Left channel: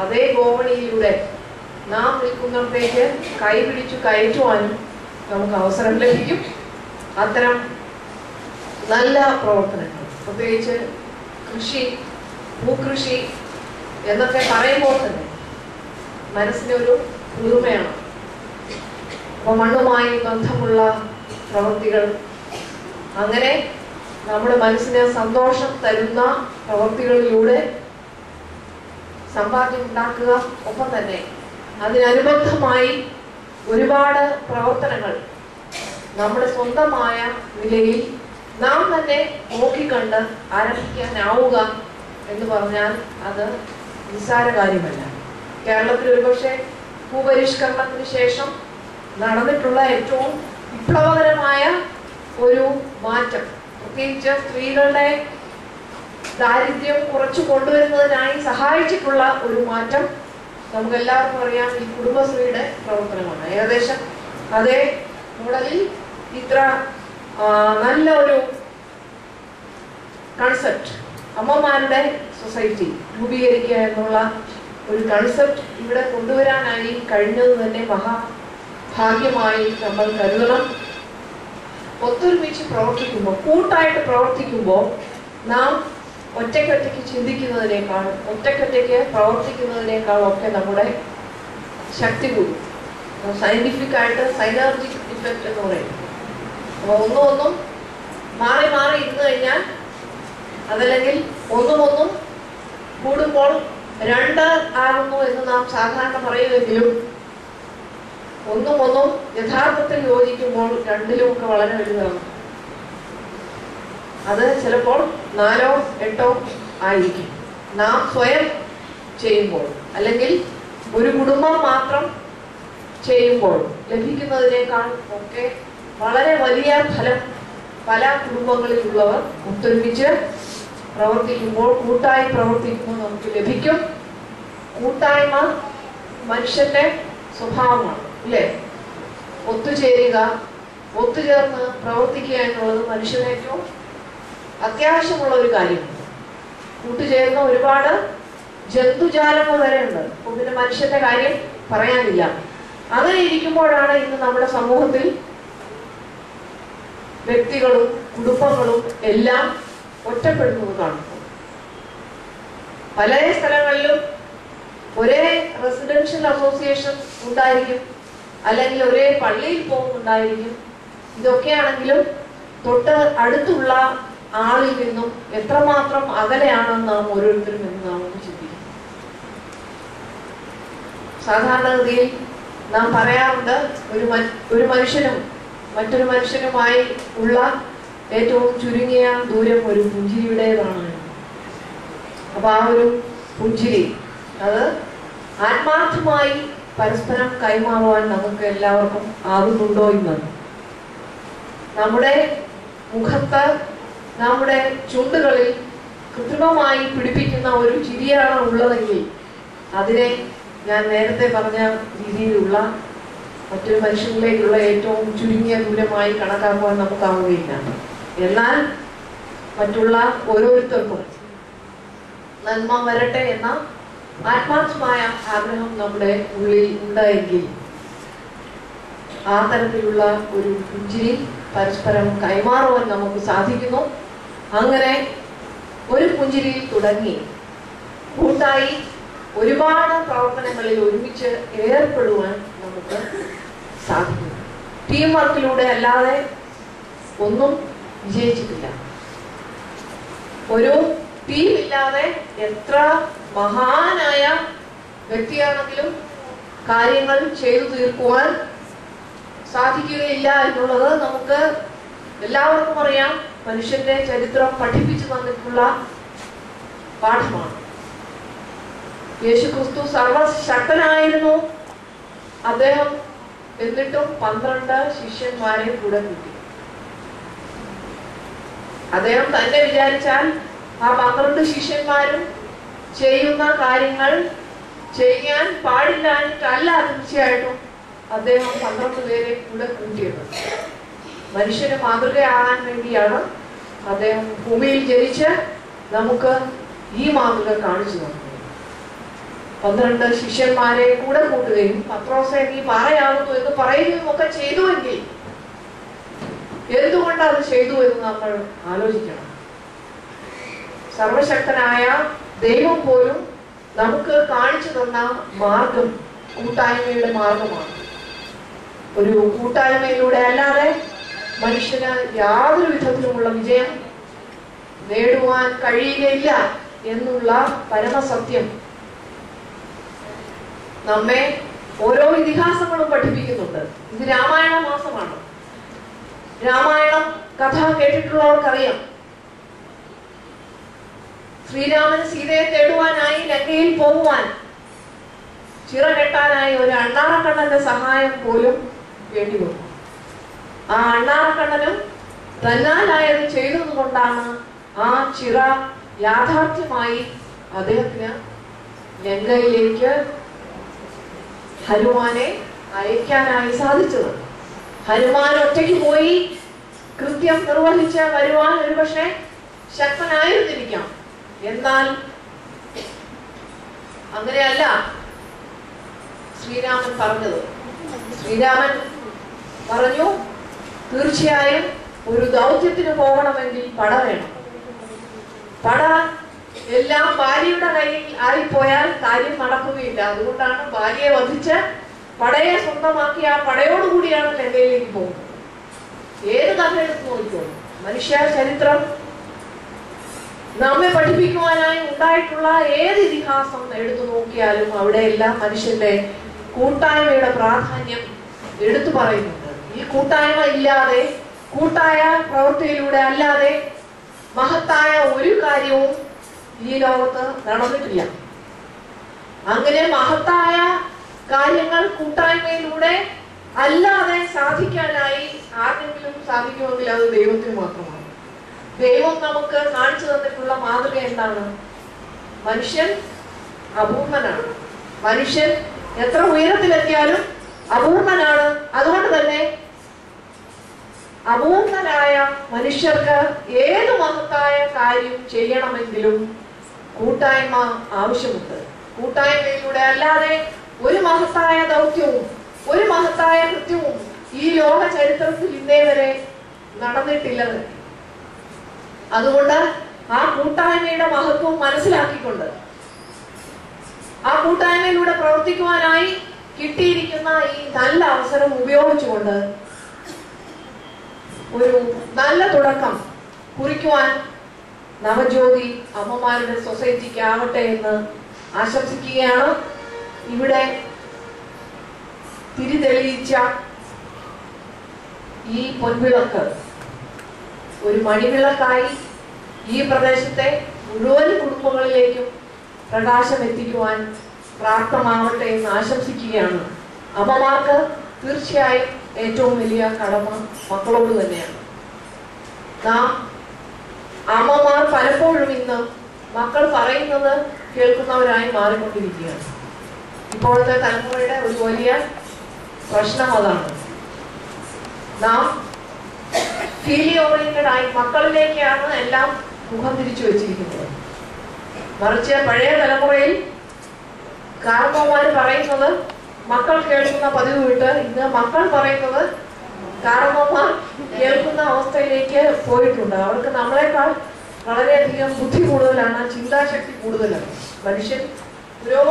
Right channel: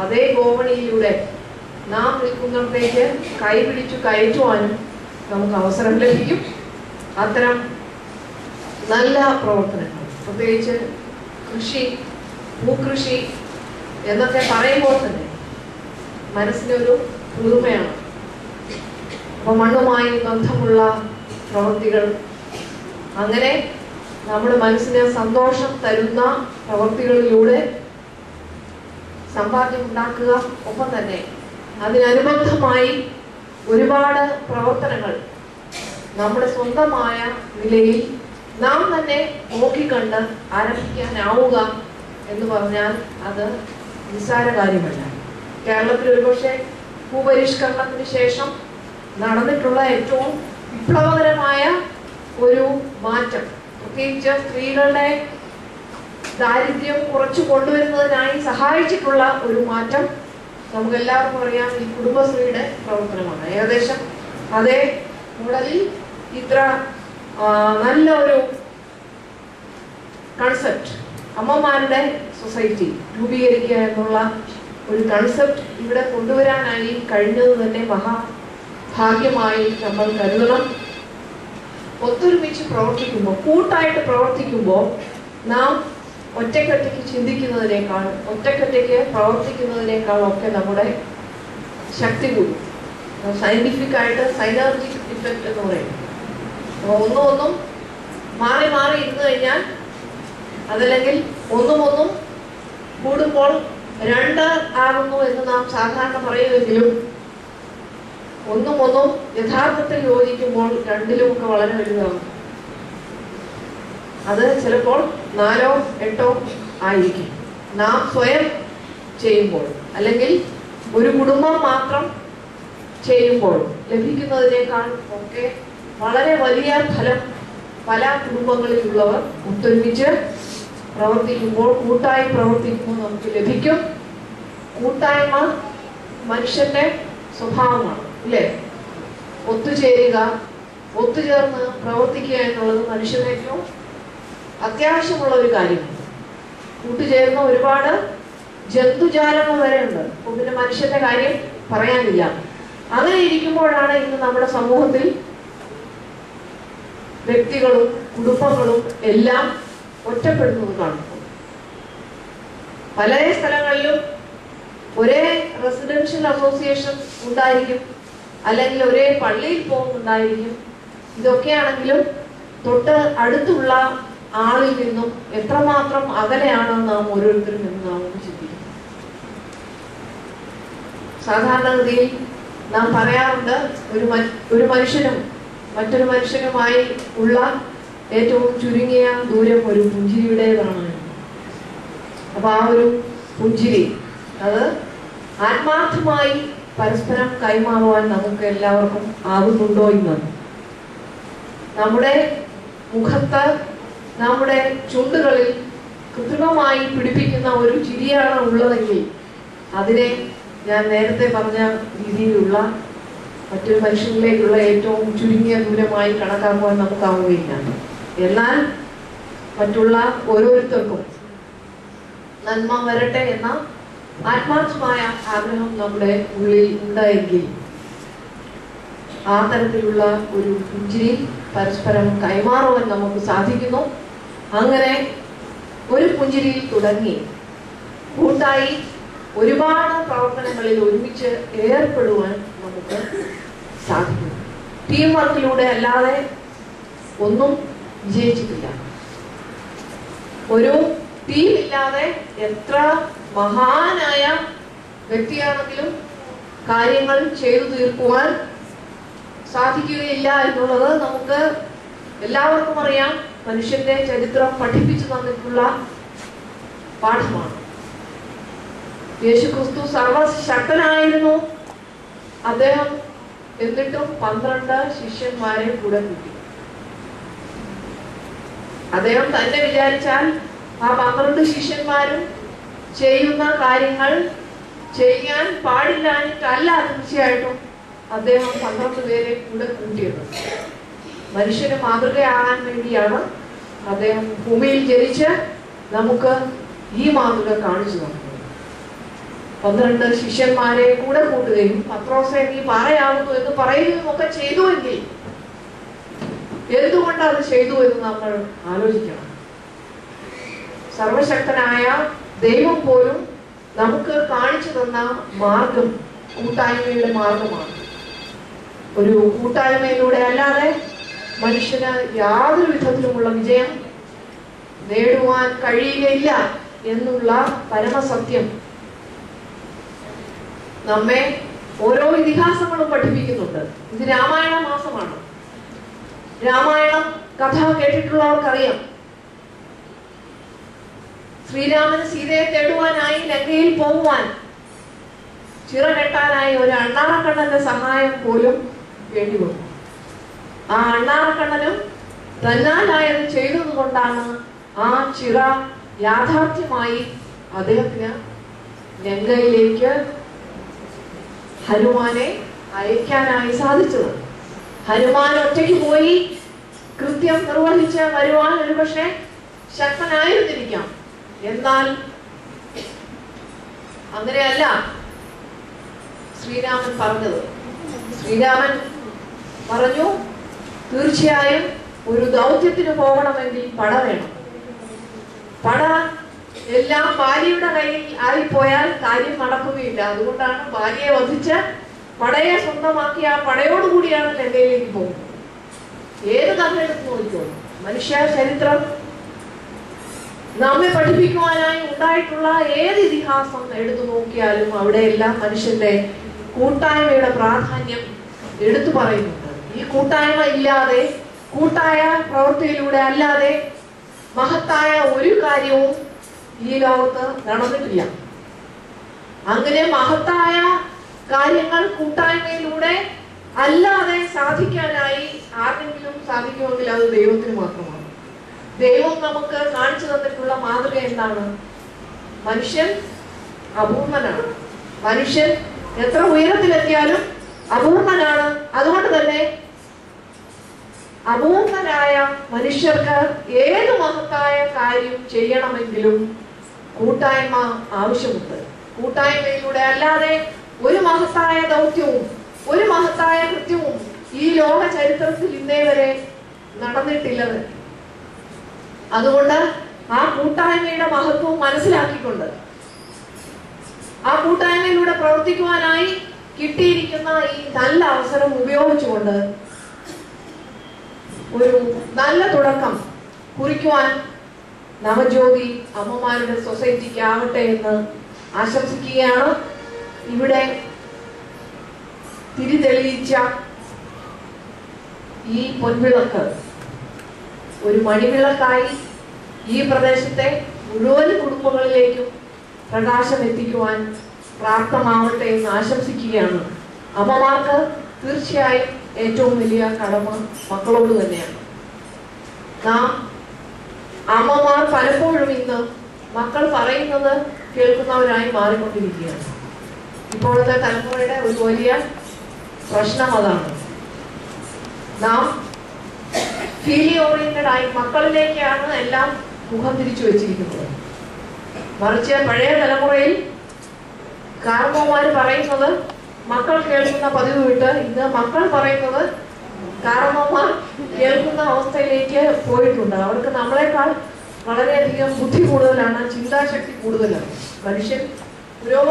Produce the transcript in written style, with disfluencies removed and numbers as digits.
അതേ ഗോവണിയിലൂടെ നാം നിൽക്കുന്നിടത്തേക്ക് കൈപിടിച്ചു കയറ്റുവാനും നമുക്ക് അവസരം ലഭിക്കും. അത്തരം നല്ല പ്രവർത്തനങ്ങൾ, പ്രത്യേകിച്ച് കൃഷി, ഭൂകൃഷി എന്നൊക്കെ പറയുമ്പോൾ തന്നെ മനസ്സിനൊരു പുതുമയാണ്. അപ്പോൾ മണ്ണുമായി ബന്ധമുള്ള പ്രവൃത്തികൾ, അങ്ങനെ നമ്മുടെ മനസ്സിന് സന്തോഷം തരുന്ന പ്രവൃത്തികളിലൂടെ സമ്പാദ്യം ഉണ്ടാക്കുക. ഒപ്പം തന്നെ അതിനനുബന്ധമായി ഒരുപാട് പ്രവർത്തനങ്ങൾ നമ്മുടെ സ്വന്തമായ നിലയിൽ നാം തന്നെ നോക്കിക്കണ്ട് ആരംഭിക്കാനാവുക എന്ന് പറഞ്ഞാൽ അത് നിസ്സാര കാര്യമല്ല. കേരളത്തിൽ ഒരുപക്ഷെ ഭൂപരിഷ്കരണത്തിന് ശേഷം നടന്നിട്ടുള്ള ഏറ്റവും വിപ്ലവകരമായ ഒരു മാറ്റം, പ്രത്യേകിച്ച് സ്ത്രീകളുടെ ദാരിദ്ര്യം കുറച്ചു കൊണ്ടുവരുന്നതിനായി സഹായിച്ചിട്ടുള്ള ഒരു മാറ്റം നമുക്കെല്ലാവർക്കും അറിയാം, ഈ കുടുംബശ്രീയുടെ പ്രവർത്തനമാണ്. ഏകദേശം അതേ മോഡലിൽ ഇത്ര നല്ല ഒരു കൺസെപ്റ്റ്, അമ്മമാരുടെ സൊസൈറ്റി രൂപീകരിക്കുക എന്നുള്ള ഒരു കൺസെപ്റ്റ് ഇവിടെ കൊണ്ടുവരാനായി കഴിഞ്ഞത് തന്നെ മഹാഭാഗ്യമായി നമ്മൾ കരുതണം. ഒത്തൊരുമിച്ച് പ്രവർത്തിക്കുമ്പോൾ, കൂട്ടായിട്ട് പ്രവർത്തിക്കുമ്പോൾ നാം ഒറ്റയ്ക്കൊറ്റയ്ക്ക് ചിന്തിക്കുന്നതിനേക്കാൾ, ഒറ്റയ്ക്കൊറ്റയ്ക്ക് പ്രവർത്തിക്കുന്നതിനേക്കാൾ ഒക്കെ നമ്മുടെ ശക്തി കൂടും. സയന്റിഫിക് ആയിട്ട് സൈനർജിക് ഇഫക്റ്റ് എന്ന് പറയും. ഒന്നും മാറി മാറി ഇരുന്ന് കഴിഞ്ഞാൽ, അതല്ലെങ്കിൽ ഒന്നും കൂടുമ്പോൾ 2 ആകുന്നു എന്ന് നാം സാധാരണ പറയുമെങ്കിലും ഒന്നും യഥാർത്ഥത്തിൽ യോജിക്കുമ്പോൾ 2ലും ഒക്കെ വളരെ വലുതാകും. അത് ചിലപ്പോൾ 4ഓ 8ഓ ആയിരിക്കും. നാം സ്വയം ചെയ്യുമ്പോൾ, അല്ലെങ്കിൽ ഒരു കുടുംബം മാത്രം ചെയ്യുമ്പോൾ ലഭിക്കുന്നതിനേക്കാൾ ഒക്കെ വളരെ വലിയ ഫലം പല കുടുംബങ്ങളിലുള്ളവർ ഒത്തൊരുമിച്ച് പ്രവർത്തിക്കുമ്പോൾ, കൂട്ടായി പ്രവർത്തിക്കുമ്പോൾ നമുക്ക് ലഭിക്കും. കൂട്ടായ്മ മനുഷ്യന്റെ സ്വഭാവമാണ്, അല്ലേ? ഒത്തുചേരുക, ഒത്തുചേർന്ന് പ്രവർത്തിക്കുക എന്നുള്ളത് മനുഷ്യന് ഏറ്റവും അത്യാവശ്യമുള്ള ഒരു കാര്യമാണ്. കൂട്ടുചേർന്ന ഒരുപാട് ജന്തുജാലങ്ങൾ വരെ ഉണ്ട്. അപ്പോൾ പിന്നെ മനുഷ്യന്റെ കാര്യം പറയാനില്ല. അങ്ങനെ ഇരിക്കുമ്പോഴാണ് ഇന്ന് നമ്മുടെ സമൂഹത്തിൽ വ്യക്തികളും കുടുംബങ്ങളും എല്ലാം ഒറ്റപ്പെടുന്നത് കാണുന്നു. പല സ്ഥലങ്ങളിലും ഒരേ റെസിഡൻഷ്യൽ അസോസിയേഷൻ ഉണ്ടായിരിക്കും, അല്ലെങ്കിൽ ഒരേ പള്ളിയിൽ പോകുന്നുണ്ടായിരിക്കും. ഇതൊക്കെയാണെങ്കിലും തൊട്ട് അടുത്തുള്ള ആളിൽ നിന്നും എത്രമാത്രം അകലെയാണ് നാം ഓരോരുത്തരും എന്ന് നാം ചിന്തിക്കും. സാധാരണഗതിയിൽ നാം പറയാറുണ്ട്, ഒരു മനുഷ്യനും മറ്റൊരു മനുഷ്യനുമായി ഉള്ള ഏറ്റവും ചുരുങ്ങിയ ദൂരം ഒരു പുഞ്ചിരിയുടേതാണ്. അപ്പൊ ആ ഒരു പുഞ്ചിരി അത് ആത്മാർത്ഥമായി പരസ്പരം കൈമാറുവാൻ നമുക്ക് എല്ലാവർക്കും ആകുന്നുണ്ടോ എന്ന്, നമ്മുടെ മുഖത്ത്, നമ്മുടെ ചുണ്ടുകളിൽ കൃത്രിമമായി പിടിപ്പിക്കുന്ന ഒരു ചിരിയാണ് ഉള്ളതെങ്കിൽ അതിനെ ഞാൻ നേരത്തെ പറഞ്ഞ രീതിയിലുള്ള മറ്റൊരു മനുഷ്യനിലേക്കുള്ള ഏറ്റവും ചുരുങ്ങിയ ദൂരമായി കണക്കാക്കുവാൻ നമുക്കാവുകയില്ല. എന്നാൽ മറ്റുള്ള ഓരോരുത്തർക്കും നന്മ വരട്ടെ എന്ന ആത്മാർത്ഥമായ ആഗ്രഹം നമ്മുടെ ഉള്ളിൽ ഉണ്ടായെങ്കിൽ ആ തരത്തിലുള്ള ഒരു പുഞ്ചിരി പരസ്പരം കൈമാറുവാൻ നമുക്ക് സാധിക്കുന്നു. അങ്ങനെ ഒരു പുഞ്ചിരിയിൽ തുടങ്ങി കൂട്ടായി ഒരുപാട് പ്രവർത്തനങ്ങളിൽ ഒരുമിച്ച് ഏർപ്പെടുവാൻ നമുക്ക് സാധിക്കും. ടീം വർക്കിലൂടെ അല്ലാതെ ഒന്നും വിജയിച്ചിട്ടില്ല. ഒരു ടീം ഇല്ലാതെ എത്ര മഹാനായ വ്യക്തിയാണെങ്കിലും കാര്യങ്ങൾ ചെയ്തു തീർക്കുവാൻ സാധിക്കുകയില്ല എന്നുള്ളത് നമുക്ക് എല്ലാവർക്കും അറിയാം. മനുഷ്യന്റെ ചരിത്രം പഠിപ്പിച്ചു തന്നിട്ടുള്ള പാഠമാണ്. യേശുക്രിസ്തു സർവശക്തനായിരുന്നു. അദ്ദേഹം എന്നിട്ടും 12 ശിഷ്യന്മാരെ കൂടെ കൂട്ടി. അദ്ദേഹം തന്നെ വിചാരിച്ചാൽ ആ 12 ശിഷ്യന്മാരും ചെയ്യുന്ന കാര്യങ്ങൾ ചെയ്യാൻ പാടില്ലാഞ്ഞിട്ടല്ല തീർച്ചയായിട്ടും അദ്ദേഹം 12 പേരെ കൂടെ കൂട്ടിയത്. മനുഷ്യന് മാതൃകയാകാൻ വേണ്ടിയാണ് അദ്ദേഹം ഭൂമിയിൽ ജനിച്ച് നമുക്ക് ഈ മാതൃക കാണിച്ചു തന്നത്. 12 ശിഷ്യന്മാരെ കൂടെ കൂട്ടുകയും പത്രോസെ നീ പാറയാകുന്നു എന്ന് പറയുകയും ഒക്കെ ചെയ്തുവെങ്കിൽ എന്തുകൊണ്ട് അത് ചെയ്തു എന്ന് നമ്മൾ ആലോചിക്കണം. സർവശക്തനായ ദൈവം പോലും നമുക്ക് കാണിച്ചു തന്ന മാർഗം കൂട്ടായ്മയുടെ മാർഗമാണ്. ഒരു കൂട്ടായ്മയിലൂടെ അല്ലാതെ മനുഷ്യന് യാതൊരു വിധത്തിലുമുള്ള വിജയം നേടുവാൻ കഴിയുകയില്ല എന്നുള്ള പരമസത്യം നമ്മെ ഓരോ ഇതിഹാസങ്ങളും പഠിപ്പിക്കുന്നുണ്ട്. ഇത് രാമായണ മാസമാണ്. രാമായണം കഥ കേട്ടിട്ടുള്ളവർക്കറിയാം. ശ്രീരാമന് സീതയെ തേടുവാനായി ലങ്കയിൽ പോകുവാൻ ചിറ കെട്ടാനായി ഒരു അണ്ണാറക്കണ്ണന്റെ സഹായം പോലും വേണ്ടി വന്നു. ആ അണ്ണാറക്കണ്ണനും തന്നാലായത് ചെയ്തത് കൊണ്ടാണ് ആ ചിറ യാഥാർത്ഥ്യമായി അദ്ദേഹത്തിന് ലങ്കയിലേക്ക് ഹനുമാനെ അയക്കാനായി സാധിച്ചത്. ഹനുമാൻ ഒറ്റയ്ക്ക് പോയി കൃത്യം നിർവഹിച്ച് വരുവാൻ ഒരുപക്ഷെ ശക്തനായിരുന്നിരിക്കാം. എന്നാൽ അങ്ങനെയല്ല ശ്രീരാമൻ പറഞ്ഞത്. ശ്രീരാമൻ പറഞ്ഞു, തീർച്ചയായും ഒരു ദൗത്യത്തിന് പോകണമെങ്കിൽ പട വേണം. പട എല്ലാം ഭാര്യയുടെ കയ്യിൽ ആയിപ്പോയാൽ കാര്യം നടക്കുകയില്ല. അതുകൊണ്ടാണ് ഭാര്യയെ വധിച്ച് പടയെ സ്വന്തമാക്കി ആ പടയോടുകൂടിയാണ് ലങ്കയിലേക്ക് പോകുന്നത്. ഏത് കഥ എടുത്ത് നോക്കിക്കോളൂ, മനുഷ്യ ചരിത്രം നമ്മെ പഠിപ്പിക്കുവാനായി ഉണ്ടായിട്ടുള്ള ഏത് ഇതിഹാസം എടുത്തു നോക്കിയാലും അവിടെയെല്ലാം മനുഷ്യന്റെ കൂട്ടായ്മയുടെ പ്രാധാന്യം എടുത്തു പറയുന്നുണ്ട്. ഈ കൂട്ടായ്മ ഇല്ലാതെ, കൂട്ടായ പ്രവൃത്തിയിലൂടെ അല്ലാതെ മഹത്തായ ഒരു കാര്യവും ഈ ലോകത്ത് നടന്നിട്ടില്ല. അങ്ങനെ മഹത്തായ കാര്യങ്ങൾ കൂട്ടായ്മയിലൂടെ അല്ലാതെ സാധിക്കാനായി ആർക്കെങ്കിലും സാധിക്കുമെങ്കിൽ അത് ദൈവത്തിന് മാത്രമാണ്. ദൈവം നമുക്ക് കാണിച്ചു തന്നിട്ടുള്ള മാതൃക എന്താണ്? മനുഷ്യൻ അപൂർണനാണ്. മനുഷ്യൻ എത്ര ഉയരത്തിലെത്തിയാലും അപൂർണനാണ്. അതുകൊണ്ട് തന്നെ അപൂർണനായ മനുഷ്യർക്ക് ഏത് മഹത്തായ കാര്യം ചെയ്യണമെങ്കിലും കൂട്ടായ്മ ആവശ്യമുണ്ട്. കൂട്ടായ്മയിലൂടെ അല്ലാതെ ഒരു മഹത്തായ ദൗത്യവും ഒരു മഹത്തായ കൃത്യവും ഈ ലോക ചരിത്രത്തിൽ ഇന്നേ വരെ നടന്നിട്ടില്ലെന്ന്. അതുകൊണ്ട് ആ കൂട്ടായ്മയുടെ മഹത്വം മനസ്സിലാക്കിക്കൊണ്ട് ആ കൂട്ടായ്മയിലൂടെ പ്രവർത്തിക്കുവാനായി കിട്ടിയിരിക്കുന്ന ഈ നല്ല അവസരം ഉപയോഗിച്ചുകൊണ്ട് ഒരു നല്ല തുടക്കം കുറിക്കുവാൻ നവജ്യോതി അമ്മമാരുടെ സൊസൈറ്റിക്ക് ആവട്ടെ എന്ന് ആശംസിക്കുകയാണ്. ഇവിടെ തിരിതെളിയിച്ച ഈ പൊൻവിളക്ക് ഒരു മണിവിളക്കായി ഈ പ്രദേശത്തെ മുഴുവൻ കുടുംബങ്ങളിലേക്കും പ്രകാശം എത്തിക്കുവാൻ പ്രാപ്തമാവട്ടെ എന്ന് ആശംസിക്കുകയാണ്. അമ്മമാർക്ക് തീർച്ചയായും ഏറ്റവും വലിയ കടമ മക്കളോട് തന്നെയാണ്. നാം അമ്മമാർ പലപ്പോഴും ഇന്ന് മക്കൾ പറയുന്നത് കേൾക്കുന്നവരായി മാറിക്കൊണ്ടിരിക്കുകയാണ്. ഇപ്പോഴത്തെ തലമുറയുടെ ഒരു വലിയ പ്രശ്നം അതാണ്. നാം ഫീലി ഓറിയന്റഡ് ആയി മക്കളിലേക്കാണ് എല്ലാം മുഖം തിരിച്ചു വെച്ചിരിക്കുന്നത്. മറിച്ച് പഴയ തലമുറയിൽ കാരണവന്മാർ പറയുന്നത് മക്കൾ കേൾക്കുന്ന പതിവ് വിട്ട് ഇന്ന് മക്കൾ പറയുന്നത് കാരണവന്മാർ കേൾക്കുന്ന അവസ്ഥയിലേക്ക് പോയിട്ടുണ്ട്. അവർക്ക് നമ്മളെക്കാൾ വളരെയധികം ബുദ്ധി കൂടുതലാണ്, ചിന്താശക്തി കൂടുതലാണ്. മനുഷ്യൻ പുരോഗമനം